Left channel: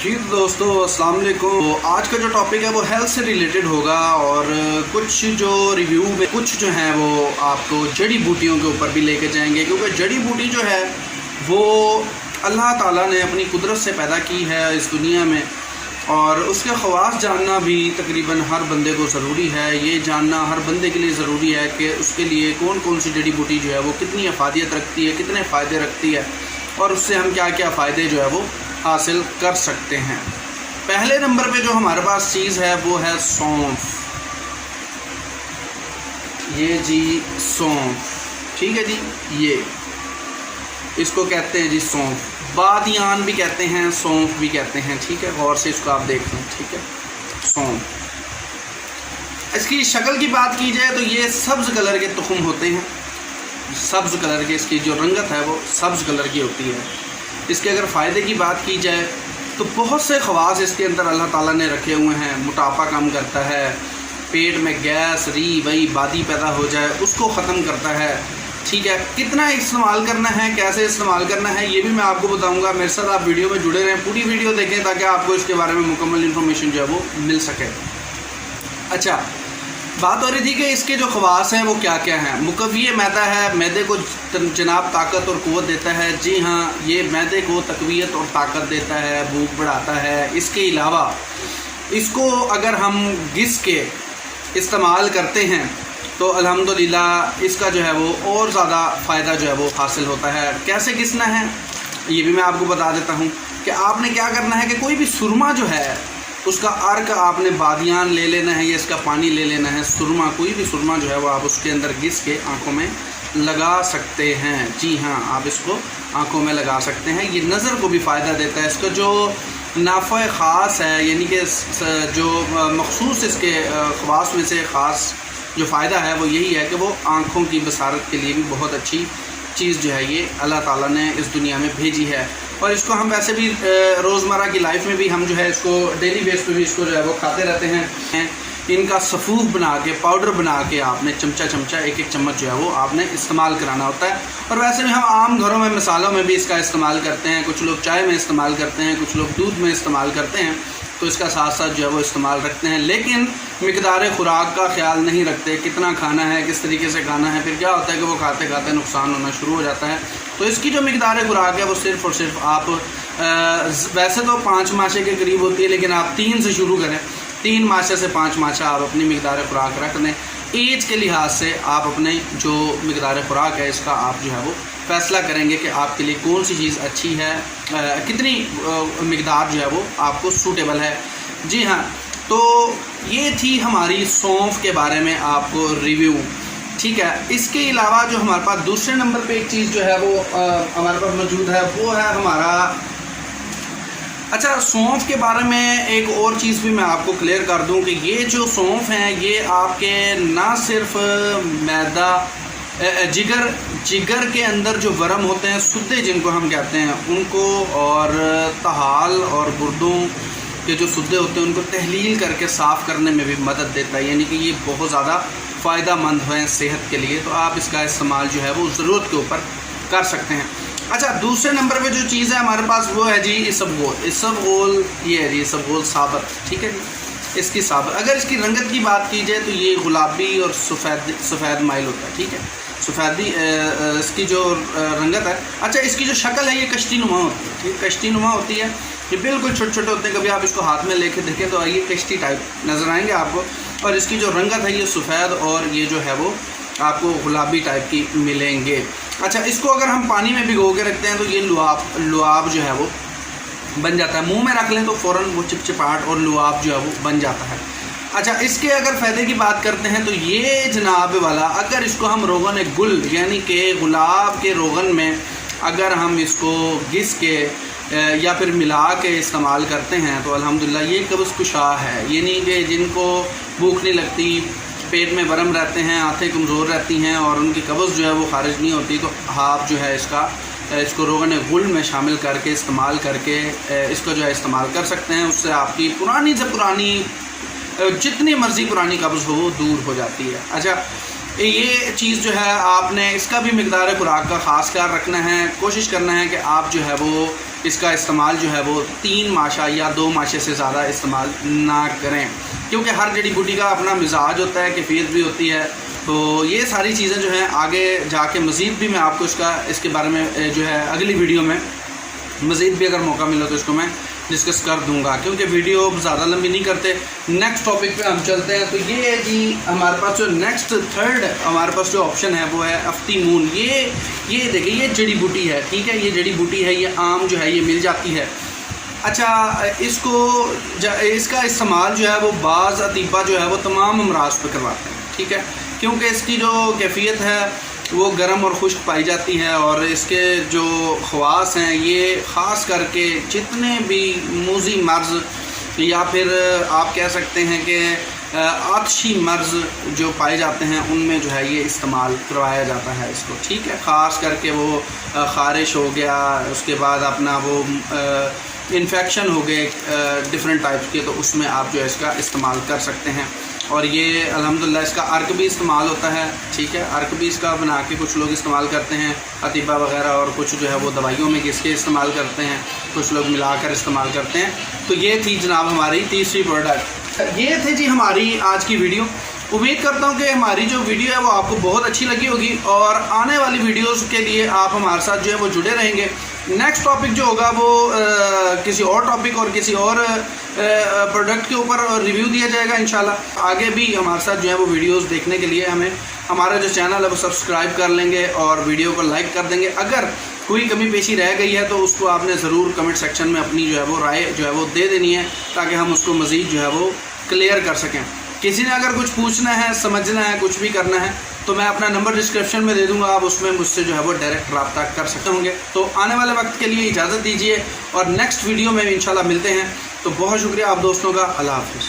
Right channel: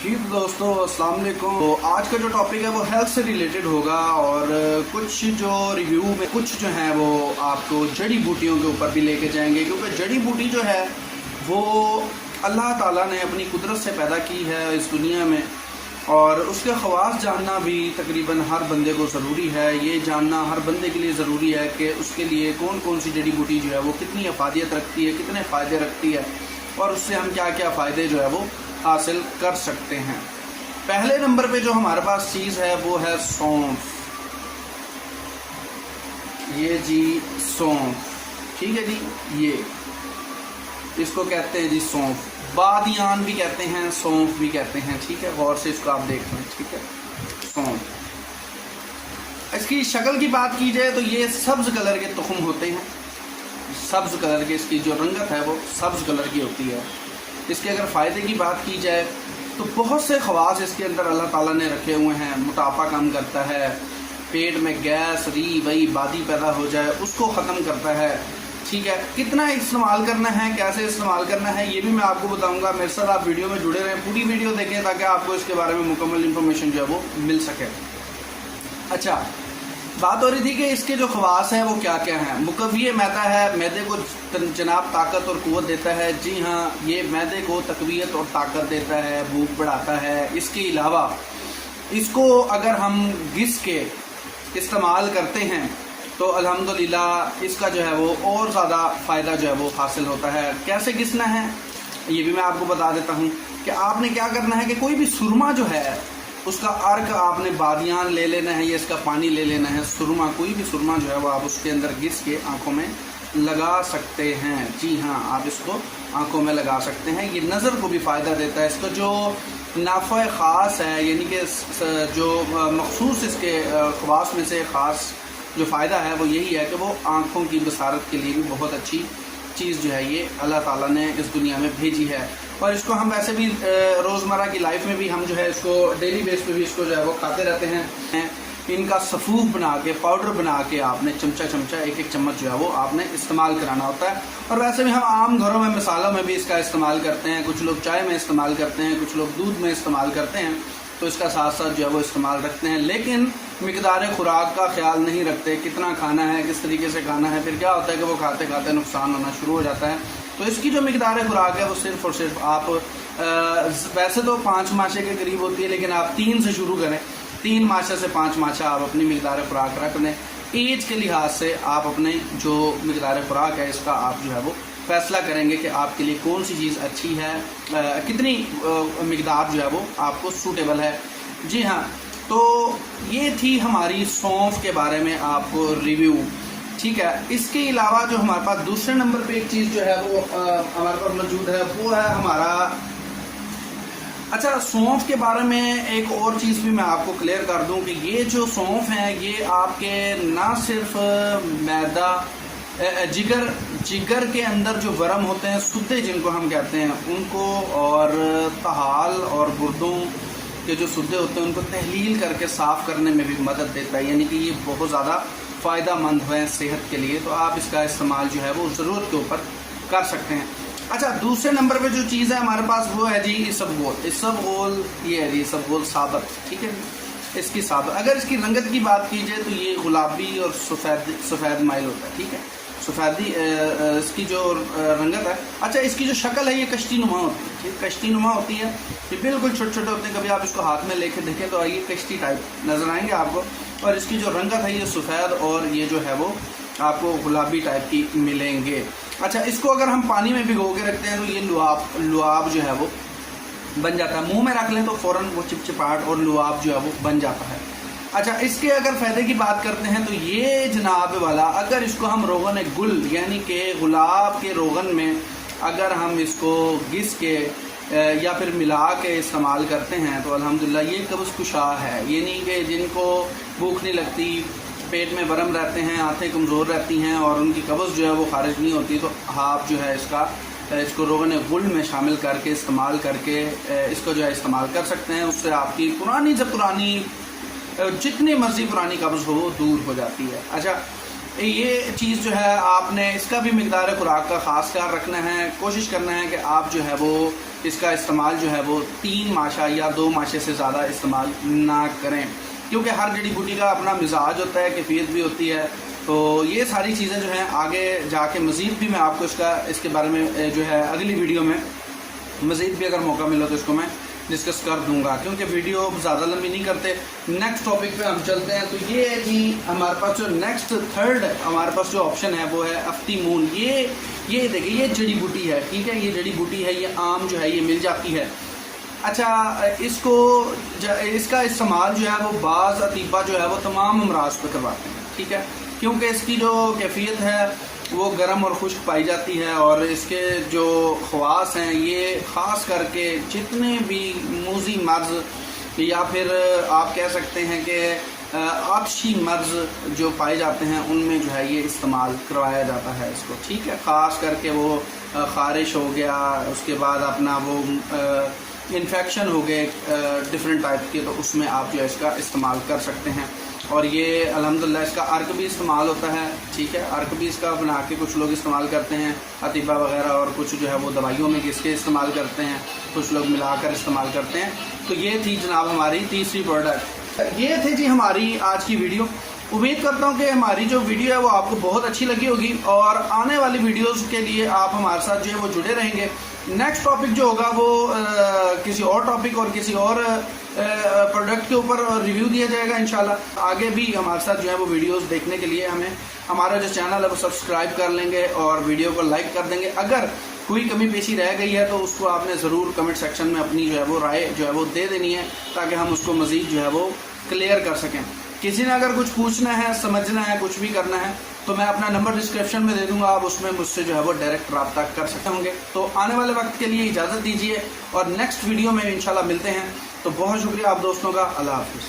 जी दोस्तों अस्सलाम वालेकुम। तो आज का जो टॉपिक है वो हेल्थ से रिलेटेड होगा और कुछ जो रिव्यू में कुछ जो है वो आपको जड़ी बूटियों के ऊपर भी लेके जाएंगे, क्योंकि जड़ी बूटी जो है वो अल्लाह ताला ने अपनी कुदरत से पैदा की है इस दुनिया में, और उसके ख़वास जानना भी तकरीबन हर बंदे को ज़रूरी है। ये जानना हर बंदे के लिए ज़रूरी है कि उसके लिए कौन कौन सी जड़ी बूटी जो है वो कितनी अफादियत रखती है, कितने फ़ायदे रखती है और उससे हम क्या क्या फ़ायदे जो है वो हासिल कर सकते हैं। पहले नंबर पे जो हमारे पास चीज़ है वो है सौंफ। ये जी सौंफ, ठीक है जी, ये इसको कहते हैं जी सौंफ। बादियान भी कहते हैं, सौंफ भी कहते हैं, ठीक है। गौर से इसको आप देख लें, ठीक है। सौंफ, इसकी शक्ल की बात की जाए तो ये सब्ज़ कलर के तुखम होते हैं, सब्ज़ कलर के, इसकी जो रंगत है वो सब्ज़ कलर की होती है। इसके अगर फ़ायदे की बात की जाए तो बहुत से ख़वास इसके अंदर अल्लाह ताला ने रखे हुए हैं। मोटापा कम करता है, पेट में गैस वही बादी पैदा हो जाए उसको ख़त्म करता है, ठीक है। कितना इस्तेमाल करना है, कैसे इस्तेमाल करना है, ये भी मैं आपको बताऊंगा। मेरे साथ आप वीडियो में जुड़े रहें, पूरी वीडियो देखें ताकि आपको इसके बारे में मुकम्मल इन्फॉर्मेशन जो है वो मिल सके। अच्छा, बात हो रही थी कि इसके जो ख़वास हैं वो क्या क्या हैं। मुकव्वी मैदा है, मैदे को जनाब ताकत और क़ुव्वत देता है। जी हाँ, ये मैदे को तक़वियत और ताकत देता है, भूख बढ़ाता है। इसके अलावा इसको अगर हम घिस के इस्तेमाल करते हैं तो अल्हम्दुलिल्लाह इसका जो है वो और ज़्यादा फ़ायदा जो है वो हासिल होता है। कैसे घिसना है ये भी मैं आपको बता देता हूँ कि आपने क्या करना है कि कोई भी सुरमा जो है उसका अर्क आपने बादियान ले लेना है या इसका पानी ले लेना है। सुरमा, कोई भी सुरमा जो है वो आप उसके अंदर घिस के आँखों में लगा सकते हैं। जी हाँ, आप इसको आँखों में लगा सकते हैं। ये नज़र को भी फ़ायदा देता है। इसका जो नाफ़ा ख़ास है, यानी कि जो मखसूस इसके ख़वास में से ख़ास जो फ़ायदा है वो यही है कि वो आँखों की बसारत के लिए भी बहुत अच्छी चीज़ जो है ये अल्लाह ताला ने इस दुनिया में भेजी है। और इसको हम वैसे भी रोज़मर्रा की लाइफ में भी हम जो है इसको डेली बेस पे भी इसको जो है वो खाते रहते हैं। इनका सफ़ूफ बना के, पाउडर बना के आपने चमचा एक एक चम्मच जो है वो आपने इस्तेमाल कराना होता है। और वैसे भी हम आम घरों में मसालों में भी इसका इस्तेमाल करते हैं। कुछ लोग चाय में इस्तेमाल करते हैं, कुछ लोग दूध में इस्तेमाल करते हैं, तो इसका साथ साथ जो है वो इस्तेमाल रखते हैं। लेकिन मिकदार ख़ुराक का ख्याल नहीं रखते, कितना खाना है, किस तरीके से खाना है। फिर क्या होता है कि वो खाते खाते नुकसान होना शुरू हो जाता है। तो इसकी जो मिकदार ख़ुराक है वो सिर्फ़ और सिर्फ आप वैसे तो 5 माशे के करीब होती है, लेकिन आप 3 से शुरू करें। 3 माशे से 5 माशा आप अपनी मिकदार ख़ुराक रख दें। एज के लिहाज से आप अपने जो मिकदार ख़ुराक है इसका आप जो है वो फ़ैसला करेंगे कि आपके लिए कौन सी चीज़ अच्छी है, कितनी मिकदार जो है वो आपको सूटेबल है। जी हाँ, तो ये थी हमारी सौंफ के बारे में आपको रिव्यू, ठीक है। इसके अलावा जो हमारे पास दूसरे नंबर पे एक चीज़ जो है वो हमारे पास मौजूद है वो है हमारा, अच्छा, सौंफ के बारे में एक और चीज़ भी मैं आपको क्लियर कर दूं कि ये जो सौंफ हैं ये आपके ना सिर्फ मैदा, जिगर के अंदर जो वर्म होते हैं, सुद्दे जिनको हम कहते हैं उनको, और तहाल और गुर्दों के जो सुद्दे होते हैं उनको तहलील करके साफ़ करने में भी मदद देता है। यानी कि ये बहुत ज़्यादा फ़ायदा मंद है सेहत के लिए। तो आप इसका इस्तेमाल जो है वो ज़रूरत के ऊपर कर सकते हैं। अच्छा, दूसरे नंबर पे जो चीज़ है हमारे पास वो है जी इसबगोल। इसबगोल ये है जी, इसबगोल साबत, ठीक है जी। इसकी साबत, अगर इसकी रंगत की बात की जाए तो ये गुलाबी और सफ़ेद माइल होता है, ठीक है। सफ़ेदी इसकी जो रंगत है। अच्छा, इसकी जो शक्ल है ये कश्ती नुमा होती है, ठीक है, कश्ती नुमा होती है। ये बिल्कुल छोटे छोटे होते हैं। कभी आप इसको हाथ में लेके देखें तो ये कश्ती टाइप नज़र आएंगे आपको। और इसकी जो रंगत है ये सफ़ेद और ये जो है वो आपको गुलाबी टाइप की मिलेंगे। अच्छा, इसको अगर हम पानी में भिगो के रखते हैं तो ये लुआब जो है वो बन जाता है। मुंह में रख लें तो फ़ौरन वो चिपचिपाहट और लुआब जो है वो बन जाता है। अच्छा, इसके अगर फ़ायदे की बात करते हैं तो ये जनाब वाला, अगर इसको हम रोगन गुल यानी कि गुलाब के रोगन में अगर हम इसको घिस के या फिर मिला के इस्तेमाल करते हैं तो अल्हम्दुलिल्लाह ये कब्ज़ कुशा है। यानी कि जिनको भूख नहीं लगती, पेट में वर्म रहते हैं, आँखें कमज़ोर रहती हैं और उनकी कब्ज़ जो है वो ख़ारिज नहीं होती, तो आप जो है इसको रोगन गुल में शामिल करके इस्तेमाल करके इसका जो है इस्तेमाल कर सकते हैं। उससे आपकी पुरानी से पुरानी जितनी मर्ज़ी पुरानी कब्ज़ हो वो दूर हो जाती है। अच्छा, ये चीज़ जो है आपने इसका भी मिकदार खुराक का ख़ास ख्याल रखना है। कोशिश करना है कि आप जो है वो इसका इस्तेमाल जो है वो 3 माशा या 2 माशे से ज़्यादा इस्तेमाल ना करें, क्योंकि हर जड़ी बूटी का अपना मिजाज होता है, कैफियत भी होती है। तो ये सारी चीज़ें जो हैं आगे जाके मज़ीद भी मैं आपको इसके बारे में जो है अगली वीडियो में मज़ीद भी अगर मौका मिला तो इसको मैं डिस्कस कर दूंगा, क्योंकि वीडियो ज़्यादा लंबी नहीं करते। नेक्स्ट टॉपिक पे हम चलते हैं। तो ये जी हमारे पास जो नेक्स्ट थर्ड हमारे पास जो ऑप्शन है वो है अफ्ती मून। ये देखिए, ये जड़ी बूटी है, ठीक है, ये जड़ी बूटी है, ये आम जो है ये मिल जाती है। अच्छा, इसका इस्तेमाल जो है वो बाज़ अतीबा जो है वो तमाम अमराज पर करवाते हैं, ठीक है, क्योंकि इसकी जो कैफियत है वो गर्म और खुश्क पाई जाती है, और इसके जो ख़वास हैं ये ख़ास करके जितने भी मूज़ी मर्ज़ या फिर आप कह सकते हैं कि आतशी मर्ज़ जो पाए जाते हैं उनमें जो है ये इस्तेमाल करवाया जाता है इसको, ठीक है। ख़ास करके वो ख़ारिश हो गया, उसके बाद अपना वो इन्फेक्शन हो गए डिफरेंट टाइप्स के, तो उसमें आप जो है इसका इस्तेमाल कर सकते हैं। और ये अल्हम्दुलिल्लाह इसका अर्क भी इस्तेमाल होता है, ठीक है, अर्क भी इसका बना के कुछ लोग इस्तेमाल करते हैं अतीबा वगैरह, और कुछ जो है वो दवाइयों में किसके इस्तेमाल करते हैं, कुछ लोग मिलाकर इस्तेमाल करते हैं। तो ये थी जनाब हमारी तीसरी प्रोडक्ट। ये थी जी हमारी आज की वीडियो। उम्मीद करता हूँ कि हमारी जो वीडियो है वो आपको बहुत अच्छी लगी होगी, और आने वाली वीडियोज़ के लिए आप हमारे साथ जो है वो जुड़े रहेंगे। नेक्स्ट टॉपिक जो होगा वो किसी और टॉपिक और किसी और प्रोडक्ट के ऊपर रिव्यू दिया जाएगा इंशाल्लाह। आगे भी हमारे साथ जो है वो वीडियोस देखने के लिए हमें हमारा जो चैनल है वो सब्सक्राइब कर लेंगे और वीडियो को लाइक कर देंगे। अगर कोई कमी पेशी रह गई है तो उसको आपने ज़रूर कमेंट सेक्शन में अपनी जो है वो राय जो है वो दे देनी है, ताकि हम उसको मज़ीद जो है वो क्लियर कर सकें। किसी ने अगर कुछ पूछना है, समझना है, कुछ भी करना है, तो मैं अपना नंबर डिस्क्रिप्शन में दे दूंगा, आप उसमें मुझसे जो है वो डायरेक्ट रब्ता कर सकते होंगे। तो आने वाले वक्त के लिए इजाज़त दीजिए, और नेक्स्ट वीडियो में इंशाल्लाह मिलते हैं। तो बहुत शुक्रिया आप दोस्तों का। अल्लाह हाफ़िज़।